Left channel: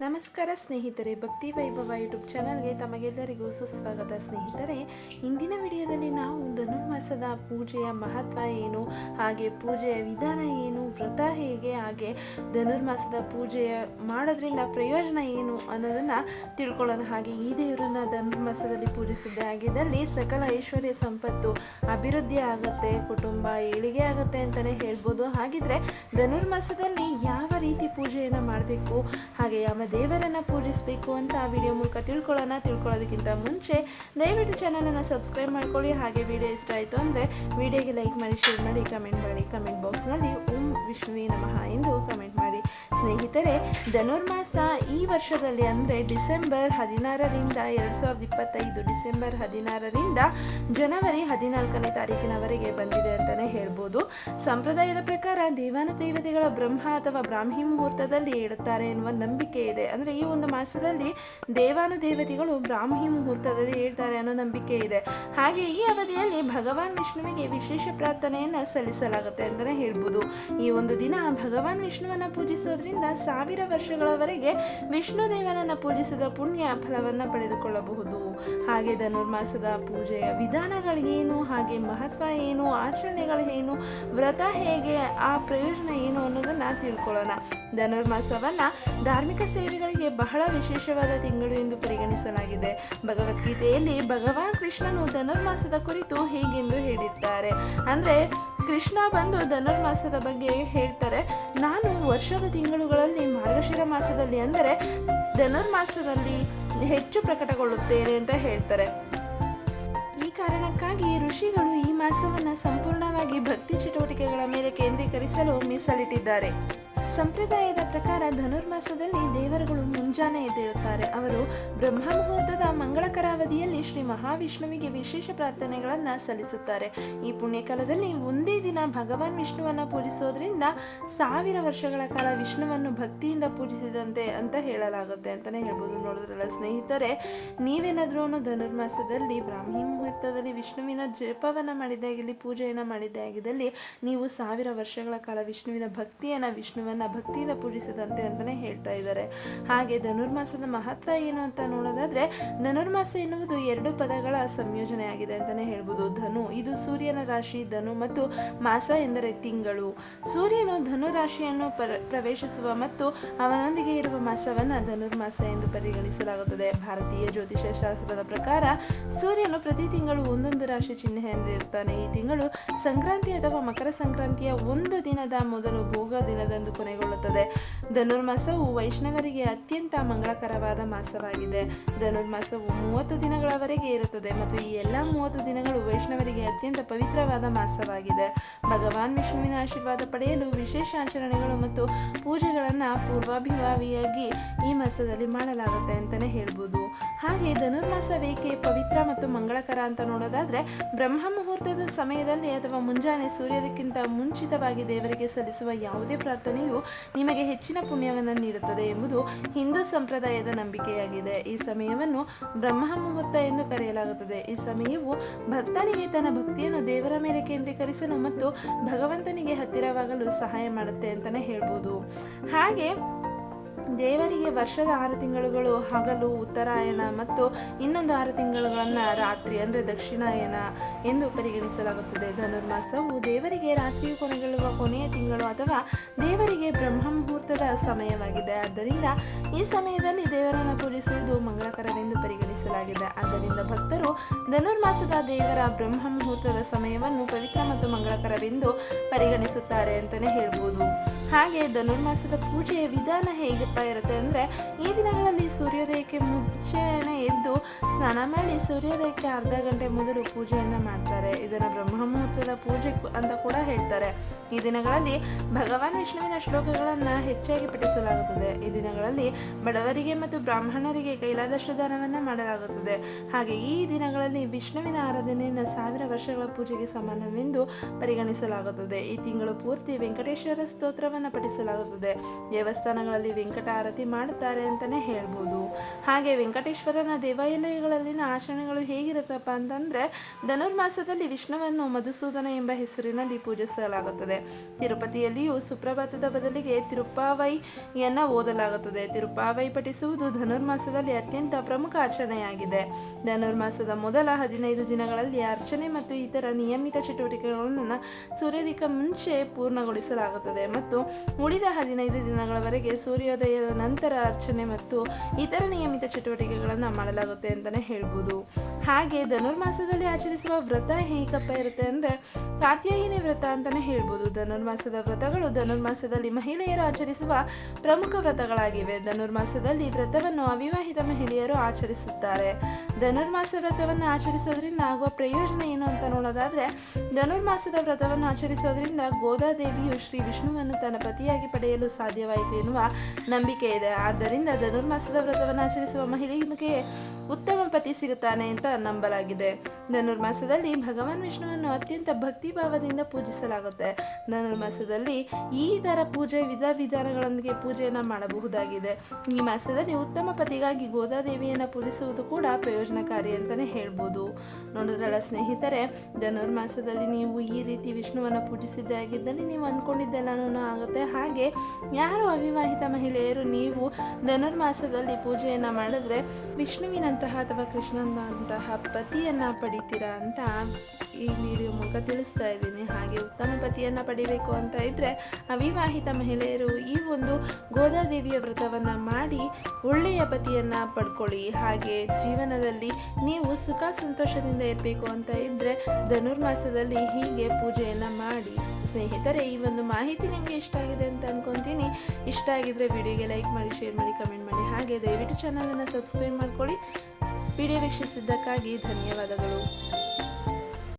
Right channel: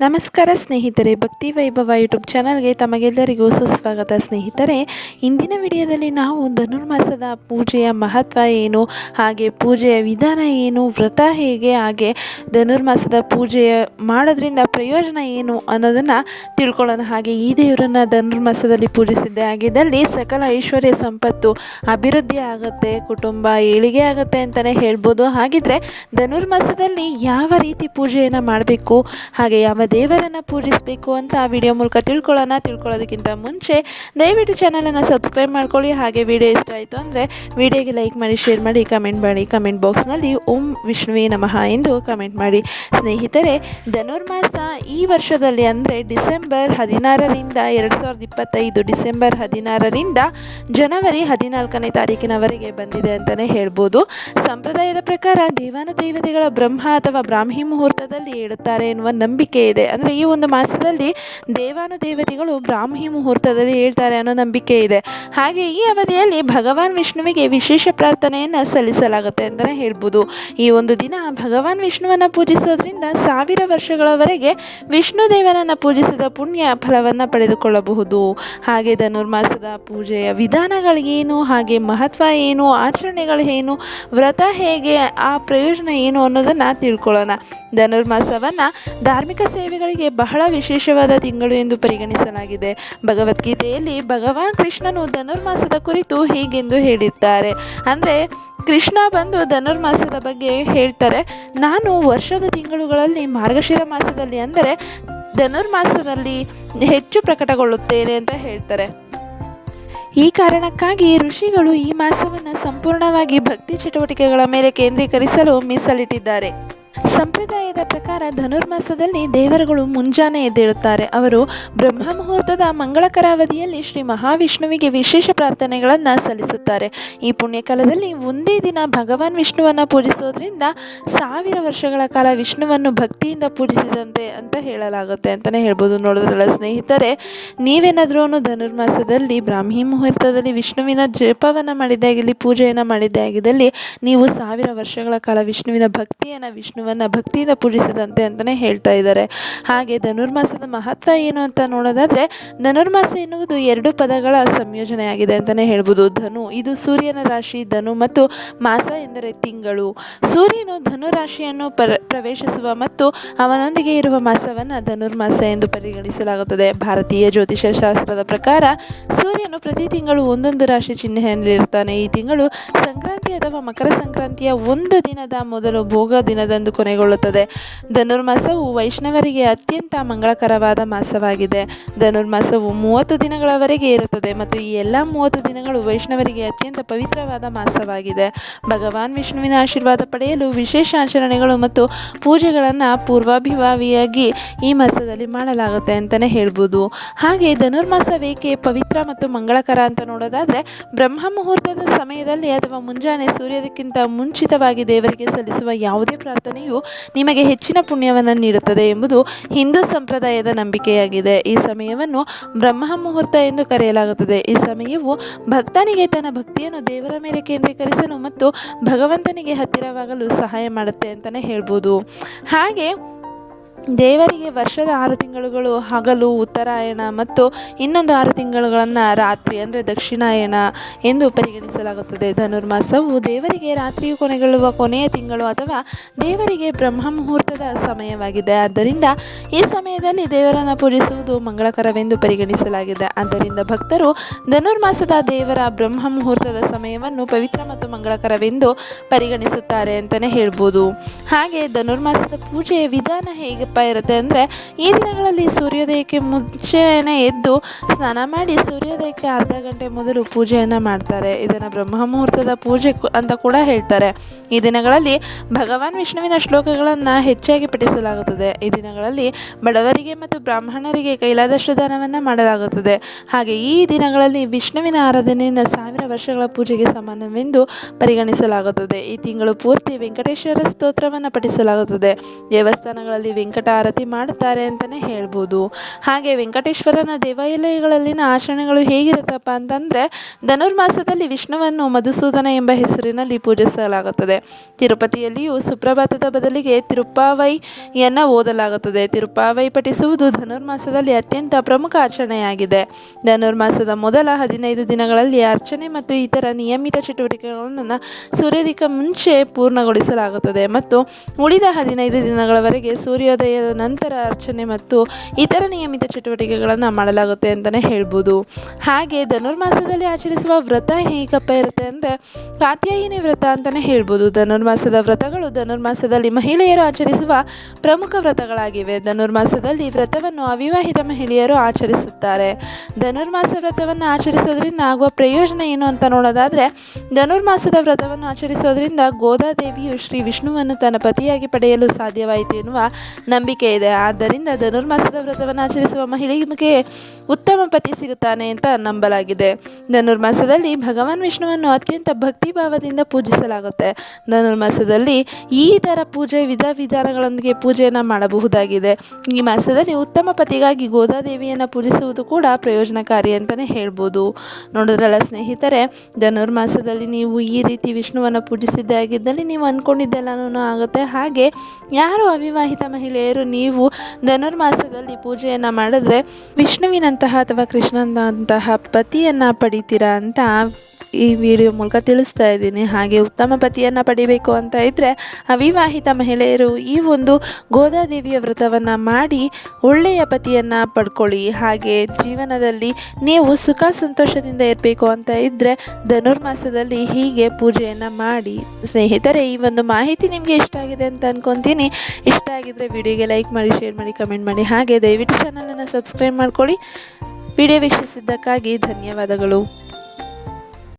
ನಮಸ್ಕಾರ ಸ್ನೇಹಿತರೆ, ಭಕ್ತಿ ವೈಭವ ಯೂಟ್ಯೂಬ್ ಚಾನಲ್ಗೆ ತಮಗೆಲ್ಲರಿಗೂ ಸುಸ್ವಾಗತ ಸ್ನೇಹಿತರೆ. ಇಂದಿನ ವಿಡಿಯೋದಲ್ಲಿ ನಾವು ಧನುರ್ಮಾಸದ ಪೂಜೆಯ ಮಹತ್ವ ಏನು, ಹಾಗೆ ಪೂಜೆಯ ವಿಧಾನ ಏನು, ವ್ರತ ಹೇಗೆ, ಹಾಗೆ ಧನುರ್ಮಾಸದ ಪೂಜೆಯ ಮಾಡೋದ್ರಿಂದ ಪ್ರಯೋಜನ ಏನು ಅನ್ನೋದನ್ನು ತಿಳ್ಕೊಳ್ಳೋಣ. ಹಾಗೆ ಈ ದೇವರನ್ನು ಧನುರ್ಮಾಸದಲ್ಲಿ ಪೂಜಿಸಿದ್ದೆ ಆಗಿದ್ದಲ್ಲಿ ಸಕಲ ಐಶ್ವರ್ಯ ಸಂಪತ್ತು ಅಭಿವೃದ್ಧಿ ಆಗುತ್ತೆ, ಕುಟುಂಬ ಏಳಿಗೆ ಆಗುತ್ತೆ ಅಂತಲೇ ಹೇಳ್ಬೋದು. ಹಾಗಿದ್ರೆ ಧನುರ್ಮಾಸದಲ್ಲಿ ಯಾವ ರೀತಿ ಪೂಜೆಯನ್ನು ಮಾಡಬೇಕು, ಹಾಗೆ ಯಾವ ದೇವರನ್ನು ಪೂಜಿಸಬೇಕು ಅಂತ ಆ ವಿಡಿಯೋ ಮೂಲಕ ತಿಳ್ಕೊಳ್ಳೋಣ. ತಿಳ್ಕೊಳ್ಳೋದಕ್ಕಿಂತ ಮುಂಚೆ ದಯವಿಟ್ಟು ಚಾನಲನ್ನು ಸಬ್ಸ್ಕ್ರೈಬ್ ಮಾಡ್ಕೊಳ್ಳಿ. ಹಾಗೆ ವಿಡಿಯೋ ಇಷ್ಟ ಆಯಿತು ಅಂದರೆ ವಿಡಿಯೋಗೆ ಲೈಕ್ ಮಾಡಿ ಶೇರ್ ಮಾಡಿ ಕಮೆಂಟ್ ಮಾಡಿ. ಕಮೆಂಟ್ ಬಾಕ್ಸ್ನಲ್ಲಿ ಓಂ ವಿಷ್ಣುವೇ ನಮಃ ಎಂದು ಕಮೆಂಟ್ ಮಾಡಿ. ಸ್ನೇಹಿತರೆ, ಧನುರ್ಮಾಸ ಈ ವರ್ಷದಲ್ಲಿ ಅಂದರೆ ಡಿಸೆಂಬರ್ ಹದಿನಾರರಿಂದ ಎರಡು ಸಾವಿರದ ಇಪ್ಪತ್ತೈದು ಡಿಸೆಂಬರ್ ಹದಿನಾರರಿಂದ ಜನವರಿ ಹದಿನಾಲ್ಕನೇ ತಾರೀಕಿನವರೆಗೆ ಬಂದಿದೆ ಅಂತಲೇ ಹೇಳ್ಬೋದು. ಸಂಪ್ರದಾಯದ ಪ್ರಕಾರ ದೇವಾನುದೇವತೆಗಳ ಬ್ರಹ್ಮ ಅಥವಾ ಬ್ರಾಹ್ಮಿ ಮುಹೂರ್ತದಲ್ಲಿ ಹೇಳುತ್ತಾರೆ ಎನ್ನುವ ನಂಬಿಕೆ ಇದೆ. ಅಂದರೆ ಈ ಒಂದು ಮಾಸದಲ್ಲಿ ದೇವಾನುದೇವತೆಗಳು ಬ್ರಾಹ್ಮಿ ಮುಹೂರ್ತದಲ್ಲಿ ಹೇಳ್ತಾರೆ ಅನ್ನೋ ನಂಬಿಕೆ ಇದೆ. ಹಾಗೆ ಈ ಅವಧಿಯಲ್ಲಿ ಭಗವಾನ್ ವಿಷ್ಣುವಿಗೆ ವಿಶೇಷ ಪ್ರಾರ್ಥನೆಯನ್ನು ಸಲ್ಲಿಸಲಾಗುತ್ತೆ ಅಂತಲೇ ಹೇಳ್ಬೋದು. ಈ ಒಂದು ದಿನ ಭಗವಾನ್ ವಿಷ್ಣುವನ್ನು ಪೂಜಿಸೋದ್ರಿಂದ ಸಾವಿರ ವರ್ಷಗಳವರೆಗೆ ವಿಷ್ಣು ದೇವನನ್ನು ಪೂಜಿಸಿದ ಪುಣ್ಯ ಫಲವನ್ನು ಪಡೆದುಕೊಳ್ಳಬಹುದು. ಹಾಗೆ ಧನುರ್ಮಾಸದ ಪೂಜೆಯ ವಿಧಾನಗಳಿಗೇನು ಹಾಗೆ ಮಹತ್ವ ಏನು, ಆಚರಣೆಗಳು ಏನು, ವ್ರತ ಹೇಗೆ, ಆ ಪ್ರಯೋಜನ ಏನು ಅನ್ನೋದನ್ನು ತಿಳ್ಕೊಳ್ಳೋಣ. ಧನುರ್ಮಾಸವನ್ನು ಧಾರ್ಮಿಕ ಸೇವೆಗಳಿಗೆ ಬಹಳ ವಿಶೇಷವಾದ ತಿಂಗಳು ಎಂದು ಪರಿಗಣಿಸಲಾಗಿದೆ. ಭಗವದ್ಗೀತೆಯಲ್ಲಿ ಭಗವಾನ್ ಕೃಷ್ಣನು ಧನುರ್ಮಾಸದ ಕುರಿತು ಹೀಗೆಂದು ಹೇಳಿದ್ದಾರೆ. ಅಂದರೆ, ಕೃಷ್ಣ ಬಂದು ಧನುರ್ಮಾಸದ ಬಗ್ಗೆ ಹೇಳ್ತಾರೆ, ನಾನು ವರ್ಷದ ತಿಂಗಳುಗಳಲ್ಲಿ ಮಾರ್ಗಶಿರ ಮಾಸದಲ್ಲಿ ಅಂದರೆ ಧನುರ್ಮಾಸದಲ್ಲಿ ಹೆಚ್ಚು ಪ್ರಕಟಗೊಳ್ಳುತ್ತೇನೆ ಅಂತ ಹೇಳ್ತಾರೆ. ಈ ಕಾರಣಕ್ಕಾಗಿ ಋಷಿಗಳು ಈ ಮಾಸವನ್ನು ಸಂಪೂರ್ಣವಾಗಿ ಭಕ್ತಿ ಚಟುವಟಿಕೆಗಳ ಮೇಲೆ ಕೇಂದ್ರೀಕರಿಸಲು ಮೀಸಲಿಟ್ಟಿದ್ದಾರೆ. ಸಂಪ್ರದಾಯದ ಪ್ರಕಾರ ಧನುರ್ಮಾಸದಲ್ಲಿ ದೇವರುಗಳು ಮುಂಜಾನೆ ಎದ್ದೇಳುತ್ತಾರೆ. ಅವರು ಬ್ರಹ್ಮ ಮುಹೂರ್ತದ ಮಂಗಳಕರ ಅವಧಿಯಲ್ಲಿ ಶ್ರೀ ಮಹಾವಿಷ್ಣುವಿಗೆ ವಿಶೇಷ ಪ್ರಾರ್ಥನೆಗಳನ್ನು ಸಲ್ಲಿಸುತ್ತಾರೆ. ಈ ಪುಣ್ಯಕಾಲದಲ್ಲಿ ಒಂದೇ ದಿನ ಭಗವಾನ್ ವಿಷ್ಣುವನ್ನು ಪೂಜಿಸೋದ್ರಿಂದ ಸಾವಿರ ವರ್ಷಗಳ ಕಾಲ ವಿಷ್ಣುವನ್ನು ಭಕ್ತಿಯಿಂದ ಪೂಜಿಸಿದಂತೆ ಅಂತ ಹೇಳಲಾಗುತ್ತೆ ಅಂತಲೇ ಹೇಳ್ಬೋದು. ನೋಡಿದ್ರಲ್ಲ ಸ್ನೇಹಿತರೆ, ನೀವೇನಾದರೂ ಧನುರ್ಮಾಸದಲ್ಲಿ ಬ್ರಾಹ್ಮಿ ಮುಹೂರ್ತದಲ್ಲಿ ವಿಷ್ಣುವಿನ ಜಪವನ್ನು ಮಾಡಿದ್ದೇ ಆಗಿರಲಿ ಪೂಜೆಯನ್ನು ಮಾಡಿದ್ದೇ ಆಗಿದ್ದಲ್ಲಿ ನೀವು ಸಾವಿರ ವರ್ಷಗಳ ಕಾಲ ವಿಷ್ಣುವಿನ ಭಕ್ತಿಯನ್ನು ವಿಷ್ಣುವನ್ನು ಭಕ್ತಿಯಿಂದ ಪೂಜಿಸಿದಂತೆ ಅಂತಲೇ ಹೇಳ್ತಾ ಇದ್ದಾರೆ. ಹಾಗೆ ಧನುರ್ಮಾಸದ ಮಹತ್ವ ಏನು ಅಂತ ನೋಡೋದಾದರೆ, ಧನುರ್ಮಾಸ ಎನ್ನುವುದು ಎರಡು ಪದಗಳ ಸಂಯೋಜನೆಯಾಗಿದೆ ಅಂತಲೇ ಹೇಳ್ಬೋದು. ಧನು ಇದು ಸೂರ್ಯನ ರಾಶಿ, ಧನು ಮತ್ತು ಮಾಸ ಎಂದರೆ ತಿಂಗಳು. ಸೂರ್ಯನು ಧನು ರಾಶಿಯನ್ನು ಪರ, ಪ್ರವೇಶಿಸುವ ಮತ್ತು ಅವನೊಂದಿಗೆ ಇರುವ ಮಾಸವನ್ನು ಧನುರ್ಮಾಸ ಎಂದು ಪರಿಗಣಿಸಲಾಗುತ್ತದೆ. ಭಾರತೀಯ ಜ್ಯೋತಿಷ ಶಾಸ್ತ್ರದ ಪ್ರಕಾರ, ಸೂರ್ಯನು ಪ್ರತಿ ತಿಂಗಳು ಒಂದೊಂದು ರಾಶಿ ಚಿಹ್ನೆಯಲ್ಲಿರ್ತಾನೆ ಈ ತಿಂಗಳು ಸಂಕ್ರಾಂತಿ ಅಥವಾ ಮಕರ ಸಂಕ್ರಾಂತಿಯ ಒಂದು ದಿನದ ಮೊದಲು ಭೋಗ ದಿನದಂದು ಕೊನೆಗೊಳ್ಳುತ್ತದೆ. ಧನುರ್ಮಾಸವು ವೈಷ್ಣವರಿಗೆ ಅತ್ಯಂತ ಮಂಗಳಕರವಾದ ಮಾಸವಾಗಿದೆ. ಧನುರ್ಮಾಸವು ಮೂವತ್ತು ದಿನಗಳವರೆಗೆ ಇರುತ್ತದೆ ಮತ್ತು ಈ ಎಲ್ಲ ಮೂವತ್ತು ದಿನಗಳು ವೈಷ್ಣವರಿಗೆ ಅತ್ಯಂತ ಪವಿತ್ರವಾದ ಮಾಸವಾಗಿದೆ. ಭಗವಾನ್ ವಿಷ್ಣುವಿನ ಆಶೀರ್ವಾದ ಪಡೆಯಲು ವಿಶೇಷ ಆಚರಣೆಗಳು ಮತ್ತು ಪೂಜೆಗಳನ್ನು ಪೂರ್ವಾಭಿಭಾವಿಯಾಗಿ ಈ ಮಾಸದಲ್ಲಿ ಮಾಡಲಾಗುತ್ತೆ ಅಂತಲೇ ಹೇಳ್ಬೋದು. ಹಾಗೆ ಧನುರ್ಮಾಸ ವೇಕೆ ಪವಿತ್ರ ಮತ್ತು ಮಂಗಳಕರ ಅಂತ ನೋಡೋದಾದರೆ ಬ್ರಹ್ಮ ಮುಹೂರ್ತದ ಸಮಯದಲ್ಲಿ ಅಥವಾ ಮುಂಜಾನೆ ಸೂರ್ಯದಕ್ಕಿಂತ ಮುಂಚಿತವಾಗಿ ದೇವರಿಗೆ ಸಲ್ಲಿಸುವ ಯಾವುದೇ ಪ್ರಾರ್ಥನೆಯು ನಿಮಗೆ ಹೆಚ್ಚಿನ ಪುಣ್ಯವನ್ನು ನೀಡುತ್ತದೆ ಎಂಬುದು ಹಿಂದೂ ಸಂಪ್ರದಾಯದ ನಂಬಿಕೆಯಾಗಿದೆ. ಈ ಸಮಯವನ್ನು ಬ್ರಹ್ಮ ಮುಹೂರ್ತ ಎಂದು ಕರೆಯಲಾಗುತ್ತದೆ. ಈ ಸಮಯವು ಭಕ್ತನಿಗೆ ತನ್ನ ಭಕ್ತಿಯನ್ನು ದೇವರ ಮೇಲೆ ಕೇಂದ್ರೀಕರಿಸಲು ಮತ್ತು ಭಗವಂತನಿಗೆ ಹತ್ತಿರವಾಗಲು ಸಹಾಯ ಮಾಡುತ್ತೆ ಅಂತಲೇ ಹೇಳ್ಬೋದು. ಹಾಗೆ ದೇವರಿಗೆ ವರ್ಷದ ಆರು ತಿಂಗಳುಗಳು, ಹಗಲು, ಉತ್ತರಾಯಣ ಮತ್ತು ಇನ್ನೊಂದು ಆರು ತಿಂಗಳುಗಳನ್ನು ರಾತ್ರಿ ಅಂದರೆ ದಕ್ಷಿಣಾಯನ ಎಂದು ಪರಿಗಣಿಸಲಾಗುತ್ತದೆ. ಧನುರ್ಮಾಸವು ದೇವರಿಗೆ ರಾತ್ರಿಯು ಕೊನೆಗೊಳ್ಳುವ ಕೊನೆಯ ತಿಂಗಳು ಅಥವಾ ದೇವರಿಗೆ ಬ್ರಹ್ಮ ಮುಹೂರ್ತದ ಸಮಯವಾಗಿದೆ. ಆದ್ದರಿಂದ ಈ ಸಮಯದಲ್ಲಿ ದೇವರನ್ನು ಪೂಜಿಸುವುದು ಮಂಗಳಕರವೆಂದು ಪರಿಗಣಿಸಲಾಗಿದೆ. ಆದ್ದರಿಂದ ಭಕ್ತರು ಧನುರ್ಮಾಸದ ದೇವರ ಬ್ರಹ್ಮ ಮುಹೂರ್ತದ ಸಮಯವನ್ನು ಪವಿತ್ರ ಮತ್ತು ಮಂಗಳಕರವೆಂದು ಪರಿಗಣಿಸುತ್ತಾರೆ ಅಂತಲೇ ಹೇಳ್ಬೋದು. ಹಾಗೆ ಧನುರ್ಮಾಸದ ಪೂಜೆಯ ವಿಧಾನ ಹೇಗಪ್ಪ ಇರುತ್ತೆ ಅಂದರೆ ಈ ದಿನಗಳಲ್ಲಿ ಸೂರ್ಯೋದಯಕ್ಕೆ ಮುಂಚೆನೇ ಎದ್ದು ಸ್ನಾನ ಮಾಡಿ ಸೂರ್ಯೋದಯಕ್ಕೆ ಅರ್ಧ ಗಂಟೆ ಮೊದಲು ಪೂಜೆಯನ್ನು ಮಾಡ್ತಾರೆ. ಇದನ್ನು ಬ್ರಹ್ಮ ಮುಹೂರ್ತದ ಪೂಜೆ ಅಂತ ಕೂಡ ಹೇಳ್ತಾರೆ. ಈ ದಿನಗಳಲ್ಲಿ ಭಗವಾನ್ ವಿಷ್ಣುವಿನ ಶ್ಲೋಕಗಳನ್ನು ಹೆಚ್ಚಾಗಿ ಪಠಿಸಲಾಗುತ್ತದೆ. ಈ ದಿನಗಳಲ್ಲಿ ಬಡವರಿಗೆ ಮತ್ತು ಬ್ರಾಹ್ಮಣರಿಗೆ ಕೈಲಾದಷ್ಟು ದಾನವನ್ನು ಮಾಡಲಾಗುತ್ತದೆ. ಹಾಗೆ ಈ ದಿನಗಳಲ್ಲಿ ವಿಷ್ಣುವಿನ ಆರಾಧನೆಯನ್ನು ಸಾವಿರ ವರ್ಷಗಳ ಪೂಜೆಗೆ ಸಮಾನವೆಂದು ಪರಿಗಣಿಸಲಾಗುತ್ತದೆ. ಈ ತಿಂಗಳು ಪೂರ್ತಿ ವೆಂಕಟೇಶ್ವರ ಸ್ತೋತ್ರವನ್ನು ಪಠಿಸಲಾಗುತ್ತದೆ. ದೇವಸ್ಥಾನಗಳಲ್ಲಿ ವೆಂಕಟ ಆರತಿ ಮಾಡುತ್ತಾರೆ ಅಂತಲೇ ಹೇಳ್ಬೋದು. ಹಾಗೆ ವೆಂಕಟೇಶ್ವರನ ದೇವಾಲಯಗಳಲ್ಲಿನ ಆಚರಣೆಗಳು ಹೇಗಿರುತ್ತಪ್ಪ ಅಂತಂದರೆ, ಧನುರ್ಮಾಸದಲ್ಲಿ ವಿಷ್ಣುವನ್ನು ಮಧುಸೂದನ ಎಂಬ ಹೆಸರಿನಲ್ಲಿ ಪೂಜಿಸಲಾಗುತ್ತದೆ. ತಿರುಪತಿಯಲ್ಲಿಯೂ ಸುಪ್ರಭಾತದ ಬದಲಿಗೆ ತಿರುಪ್ಪಾವೈಯನ್ನು ಓದಲಾಗುತ್ತದೆ. ತಿರುಪ್ಪಾವೈ ಪಠಿಸುವುದು ಧನುರ್ಮಾಸದಲ್ಲಿ ಅತ್ಯಂತ ಪ್ರಮುಖ ಆಚರಣೆಯಾಗಿದೆ. ಧನುರ್ಮಾಸದ ಮೊದಲ ಹದಿನೈದು ದಿನಗಳಲ್ಲಿ ಅರ್ಚನೆ ಮತ್ತು ಇತರ ನಿಯಮಿತ ಚಟುವಟಿಕೆಗಳನ್ನು ಸೂರ್ಯೋದಯಕ್ಕೆ ಮುಂಚೆ ಪೂರ್ಣಗೊಳಿಸಲಾಗುತ್ತದೆ. ಮತ್ತು ಉಳಿದ ಹದಿನೈದು ದಿನಗಳವರೆಗೆ ಸೂರ್ಯೋದಯದ ನಂತರ ಅರ್ಚನೆ ಮತ್ತು ಇತರ ನಿಯಮಿತ ಚಟುವಟಿಕೆಗಳನ್ನು ಮಾಡಲಾಗುತ್ತೆ ಅಂತಲೇ ಹೇಳ್ಬೋದು. ಹಾಗೆ ಧನುರ್ಮಾಸದಲ್ಲಿ ಆಚರಿಸುವ ವ್ರತ ಹೇಗಪ್ಪ ಇರುತ್ತೆ? ಅಂದರೆ ಕಾತ್ಯಾಯಿನಿ ವ್ರತ ಅಂತಲೇ ಹೇಳ್ಬೋದು. ಧನುರ್ಮಾಸದ ವ್ರತಗಳು ಧನುರ್ಮಾಸದಲ್ಲಿ ಮಹಿಳೆಯರು ಆಚರಿಸುವ ಪ್ರಮುಖ ವ್ರತಗಳಾಗಿವೆ. ಧನುರ್ಮಾಸದಲ್ಲಿ ವ್ರತವನ್ನು ಅವಿವಾಹಿತ ಮಹಿಳೆಯರು ಆಚರಿಸುತ್ತಾರೆ. ಧನುರ್ಮಾಸ ವ್ರತವನ್ನು ಆಚರಿಸೋದ್ರಿಂದ ಆಗುವ ಪ್ರಯೋಜನ ಏನು ಅಂತ ನೋಡೋದಾದರೆ, ಧನುರ್ಮಾಸದ ವ್ರತವನ್ನು ಆಚರಿಸೋದ್ರಿಂದ ಗೋದಾದೇವಿಯು ಶ್ರೀ ವಿಷ್ಣುವನ್ನು ತನ್ನ ಪತಿಯಾಗಿ ಪಡೆಯಲು ಸಾಧ್ಯವಾಯಿತು ಎನ್ನುವ ನಂಬಿಕೆ ಇದೆ. ಆದ್ದರಿಂದ ಧನುರ್ಮಾಸದ ವ್ರತವನ್ನು ಆಚರಿಸುವ ಮಹಿಳೆಗೆ ಉತ್ತಮ ಪತಿ ಸಿಗುತ್ತಾನೆ ಅಂತ ನಂಬಲಾಗಿದೆ. ಧನುರ್ಮಾಸದಲ್ಲಿ ಭಗವಾನ್ ವಿಷ್ಣುವನ್ನು ಅತ್ಯಂತ ಭಕ್ತಿ ಭಾವದಿಂದ ಪೂಜಿಸಲಾಗುತ್ತೆ ಧನುರ್ಮಾಸದಲ್ಲಿ ಈ ಥರ ಪೂಜೆ ವಿಧ ವಿಧಾನಗಳೊಂದಿಗೆ ಪೂಜೆಯನ್ನು ಮಾಡಬಹುದಾಗಿದೆ. ಈ ಮಾಸದಲ್ಲಿ ಉತ್ತಮ ಪತಿಗಾಗಿ ಗೋದಾದೇವಿಯನ್ನು ಪೂಜಿಸುವುದು ಕೂಡ ಪ್ರಯೋಜನಕಾರಿ ಅಂತಲೇ ಹೇಳ್ಬೋದು. ನೋಡಿದ್ರಲ್ಲ ಸ್ನೇಹಿತರೆ ಧನುರ್ಮಾಸದಲ್ಲಿ ನೀವು ಈ ರೀತಿ ವಿಷ್ಣುವನ್ನು ಪೂಜಿಸಿದ್ದೇ ಆಗಿದ್ದಲ್ಲಿ ನೀವು ಅಂದ್ಕೊಂಡಿದ್ದೆಲ್ಲನೂ ಆಗುತ್ತೆ. ಹಾಗೆ ಯಾರು ಅವಿವಾಹಿತ ಮಹಿಳೆಯರು, ನೀವು ಧನುರ್ಮಾಸದಲ್ಲಿ ಪೂಜೆಯನ್ನು ಮಾಡಿದ್ರೆ ವಿಷ್ಣುವಿನಂತಹ ಅಥವಾ ಕೃಷ್ಣನಂತಹ ಪತಿಯನ್ನು ಪಡಿತೀರಾ ಅಂತ ಈ ವಿಡಿಯೋ ಮೂಲಕ ತಿಳಿಸ್ತಾ ಇದ್ದೀನಿ. ಹಾಗೆ ಉತ್ತಮ ಪತಿಯನ್ನು ಪಡಿಬೇಕು ಅಂತ ಇದ್ದರೆ ಅವಿವಾಹಿತ ಮಹಿಳೆಯರು ಈ ಒಂದು ಗೋದಾದೇವಿಯ ವ್ರತವನ್ನು ಮಾಡಿ ಒಳ್ಳೆಯ ಪತಿಯನ್ನು ಪಡ್ಕೊಳ್ಳಿ. ಹಾಗೆ ಜೀವನದಲ್ಲಿ ನೀವು ಸುಖ ಸಂತೋಷದಿಂದ ಇರಬೇಕು ಅಂತ ಇದ್ದರೆ ಧನುರ್ಮಾಸದಲ್ಲಿ ಹೀಗೆ ಪೂಜೆಯನ್ನು ಮಾಡಿ. ಸ್ನೇಹಿತರೆ, ಈ ಒಂದು ಮಾಹಿತಿ ನಿಮಗೆ ಇಷ್ಟ ಆಗಿದೆ ಅಂತ ಅಂದ್ಕೊತೀನಿ ಇಷ್ಟ ಆಗಿದರೆ ವಿಡಿಯೋಗೆ ಲೈಕ್ ಮಾಡಿ, ಶೇರ್ ಮಾಡಿ, ಕಮೆಂಟ್ ಮಾಡಿ. ಹಾಗೆ ದಯವಿಟ್ಟು ಚಾನಲನ್ನು ಸಬ್ಸ್ಕ್ರೈಬ್ ಮಾಡ್ಕೊಳ್ಳಿ. ವಿಡಿಯೋ ವೀಕ್ಷಿಸಿದ್ದಕ್ಕಾಗಿ ಧನ್ಯವಾದಗಳು.